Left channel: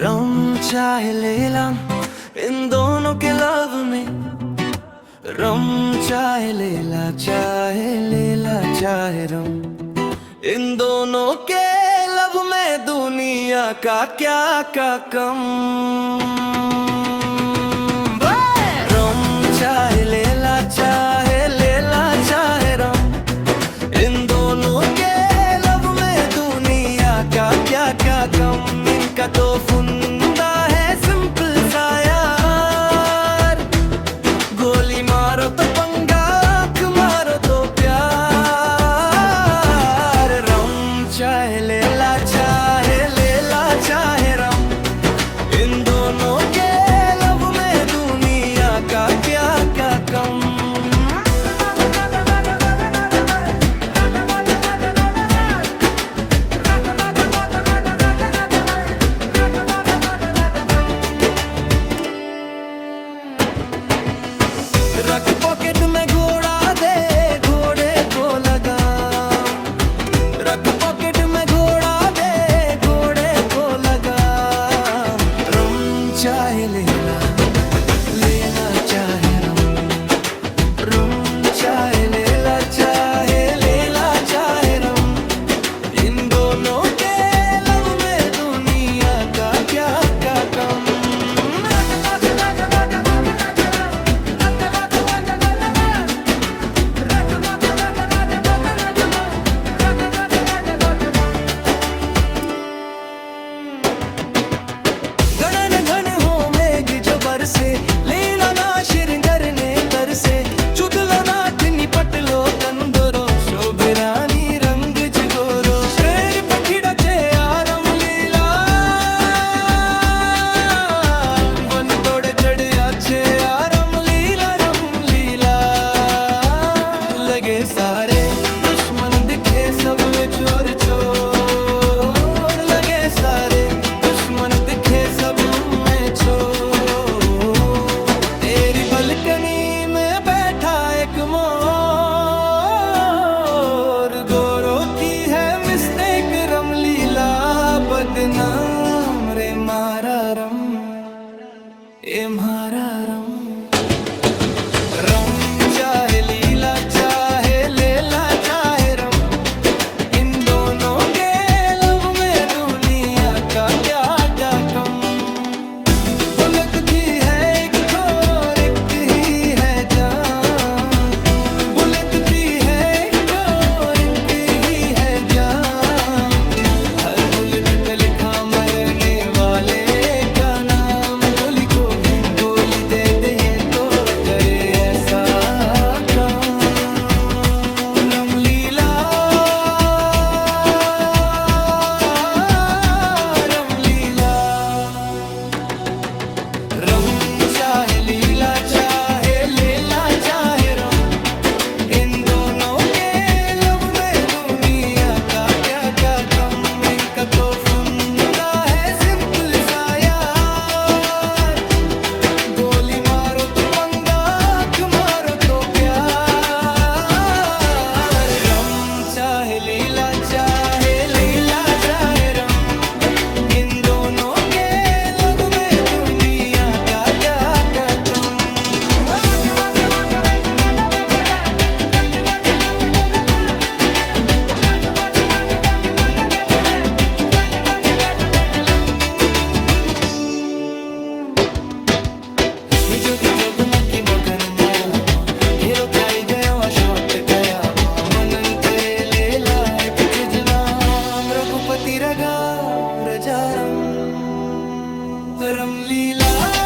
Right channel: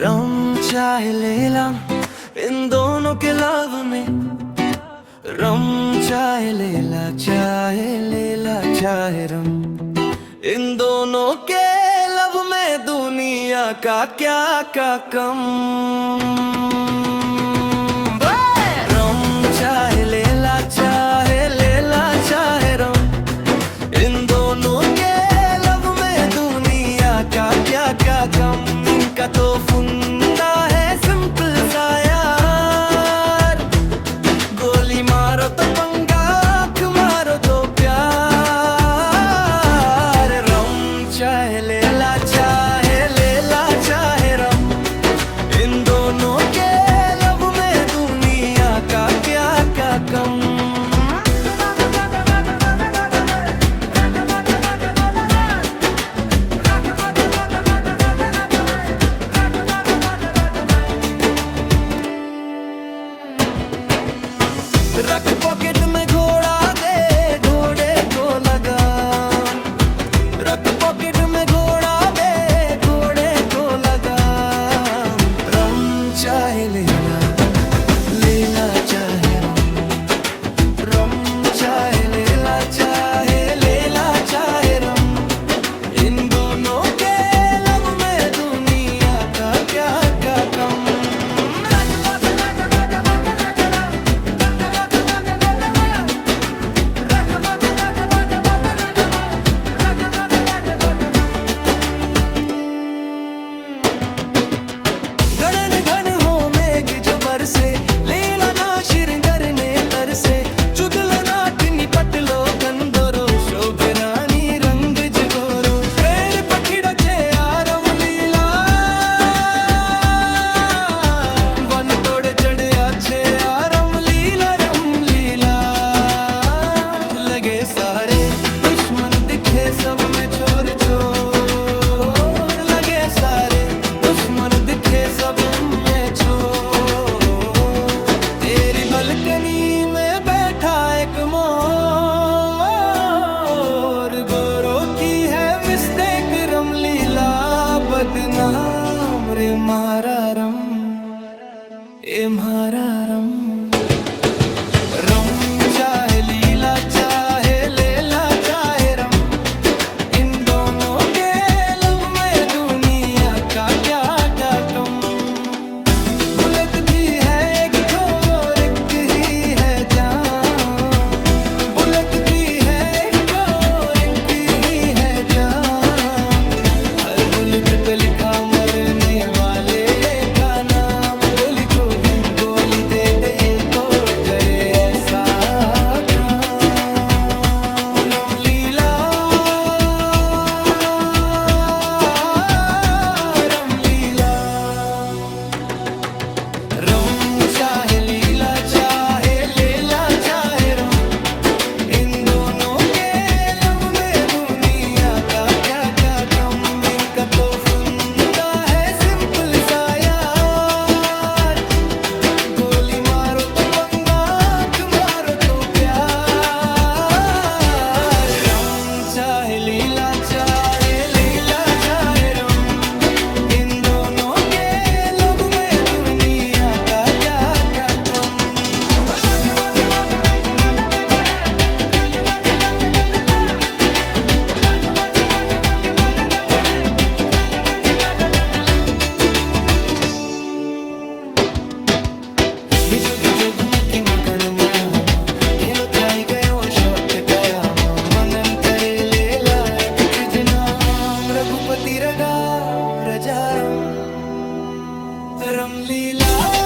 रम चाहे लेला इन दोनों के लव में, रम चाहे लेला चाहे रम, इन दोनों के लव में दुनिया का क्या क्या कम। रम चाहे लेला चाहे रम, इन दोनों के लव में दुनिया का क्या क्या कम। इनका तो फुंदा है सिंपल सा यार, गोली मारो तो पंगा, आँख मारो तो प्यार। रम चाहे लेला चाहे रम, इन दोनों के लब में दुनिया का क्या क्या कम। रख पॉकेट में घोड़ा दे घोड़े को लगाम, रख पॉकेट में घोड़ा दे घोड़े को लगाम। रम चाहे लेला चाहे रम, रम चाहे लेला चाहे रम, इन दोनों के लब में दुनिया का क्या क्या कम। से लीला ना शिरंगर ने तर से चुदलो नाटनी पटलो कंदोरो शोभिरानी रंग जगोरो प्रेर पखिड़ा चे आरम लीला वन तोड़े चढ़े अच्छे आरम लीला लगे सारे दुश्मन दिखे सब में चोर चोर, लगे सारे दुश्मन दिखे सब में चोर। तेरी बालकनी में बैठा एक मोर, गोरों की है मिस्टेक रमलीला बदनाम रे मारा रम ए मारा रम। रम चाहे लीला चाहे रम, इन दोनों के लब में दुनिया का क्या क्या कम। बुलेट भी है एक और एक ही है जान, बुलेट भी है एक और एक ही है जान। हर बुलेट पे लिखा मरने वाले का नाम, गोली को भी गोली दे दे ये तो करे ऐसा काम। रम चाहे लीला चाहे रम, इन दोनों के लब में दुनिया का क्या क्या कम। इनका तो फुंदा है सिंपल सा यार, गोली मारो तो पंगा, आँख मारो तो प्यार। रम चाहे लीला चाहे रम, इन दोनों के लब में दुनिया का क्या क्या कम। ये जोगी जोगमुखी मगन मायामा, घेलो थाई गयो अशोक कयामा। मनन करे लेला तुझ नाम, रघुपति रगा रजारम रमलीला।